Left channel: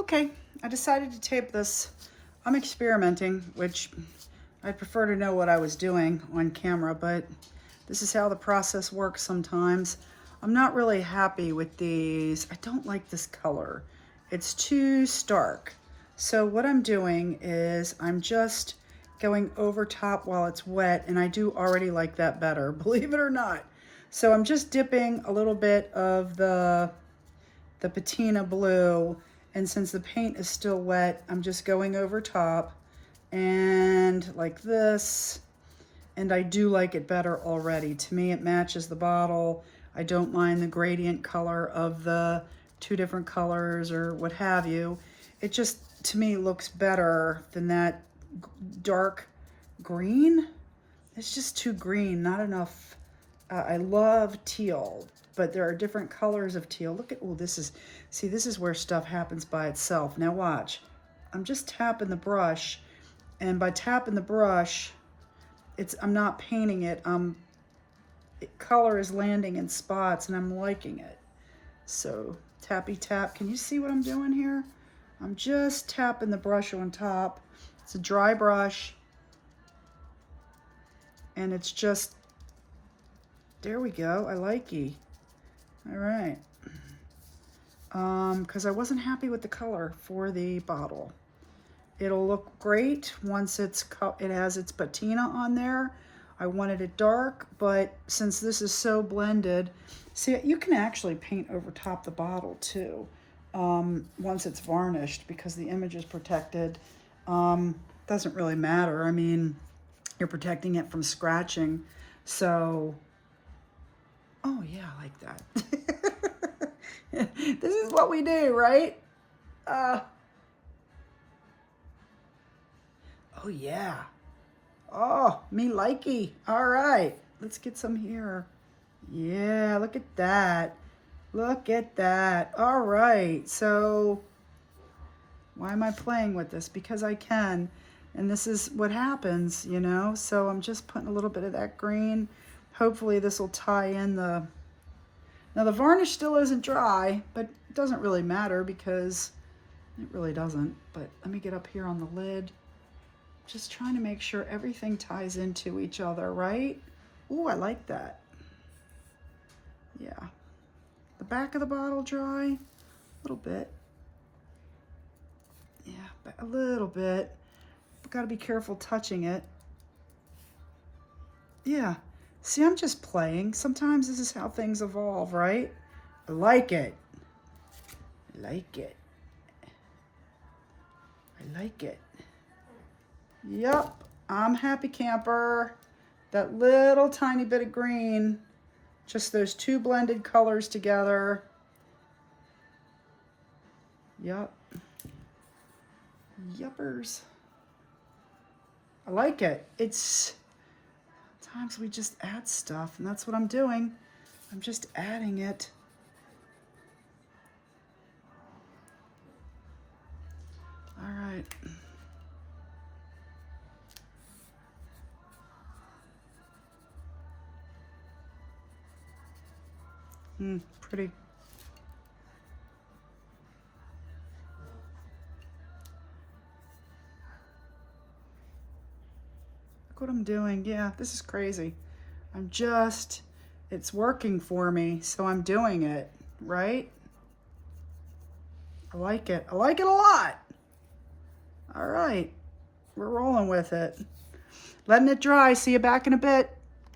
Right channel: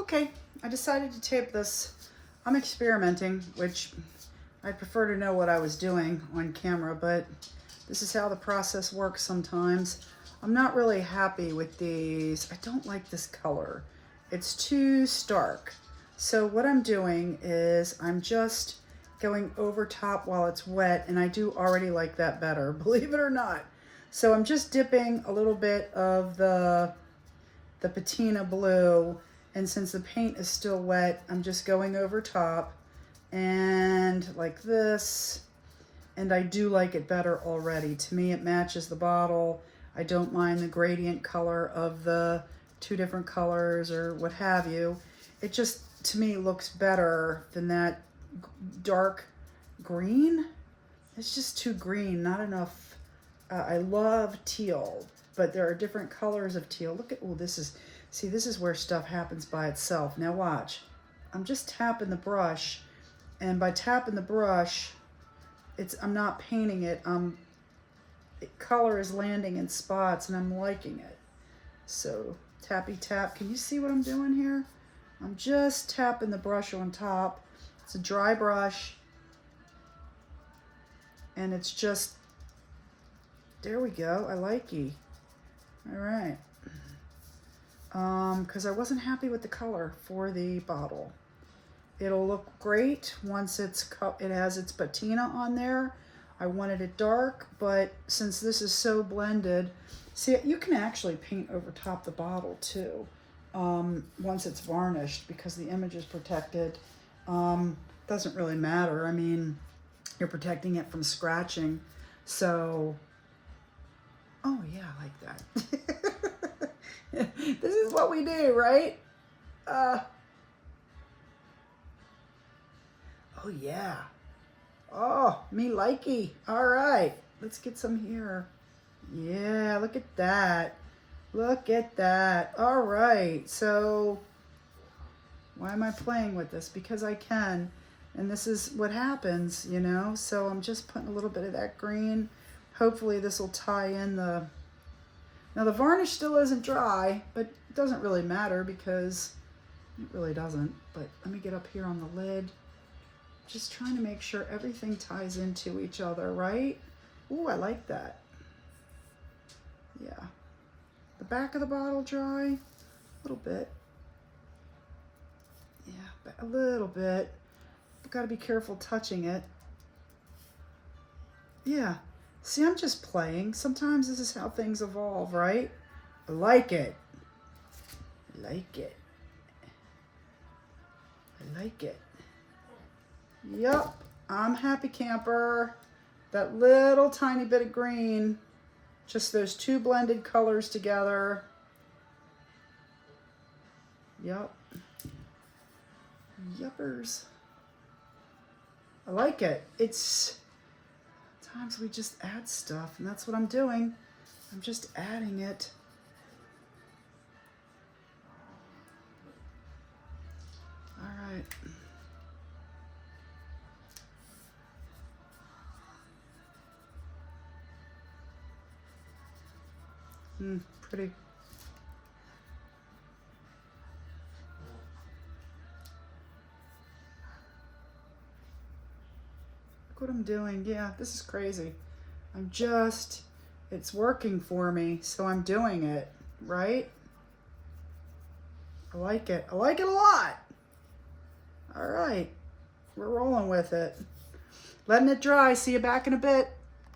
Okay, I decided to tape this. I'm experimenting, which I prefer to know what I was doing on camera, but this is how the process works sometimes. I'm not really happy with these. I don't like this color. It's too stark. So what I'm doing is I'm just going over top while it's wet, and I do already like that better, believe it or not. So I'm just dipping a little bit of the patina blue, and since the paint is still wet, I'm just going over top and like this, and I do like it better already. To me, it matches the bottle. I don't mind the gradient color of the two different colors or what have you. It just, to me, looks better than that dark green. It's just too green, not enough. I love teal, but there are different colors of teal. Look at, oh, this is where stuff happens by itself. Now watch. I'm just tapping the brush, and by tapping the brush, I'm not painting it. Color is landing in spots, and I'm liking it. So tappy tap. Can you see what I'm doing here? I'm just tapping the brush on top. It's a dry brush, and it's just, there we go. I like it. All right. Because I wasn't happy with the color for the bottle. It'll look great once it has its patina on there. I wanted it dark, but since this is so blended, see, you can actually paint over top the bottle too, once it's varnished, because the image is protected. Doesn't really matter. I mean, you're protecting it from scratching. So, oh yeah, I like that. This is what we do, right? Oh yeah. Oh, me likey. All right, let's get some here. Yeah, look at that. Look at that. All right, so why am I playing with this? Because I can, and this is what happens, you know? So I'm just putting a little bit of that green. Hopefully this will tie in the, now the varnish still isn't dry, but it doesn't really matter because it really doesn't. But let me get up here on the lid. Just trying to make sure everything ties into each other, right? Ooh, I like that. Yeah. The back of the bottle dry, a little bit. Yeah, a little bit. Got to be careful touching it. Yeah. See, I'm just playing. Sometimes this is how things evolve, right? I like it. I like it. I like it. Yep, I'm happy camper. That little tiny bit of green, just those two blended colors together. Yep. Yuppers. I like it. It's, sometimes we just add stuff, and that's what I'm doing. I'm just adding it. All right. Pretty. Look what I'm doing. Yeah, this is crazy. It's working for me, so I'm doing it, right? I like it. I like it a lot. All right, we're rolling with it. Letting it dry. See you back in a bit.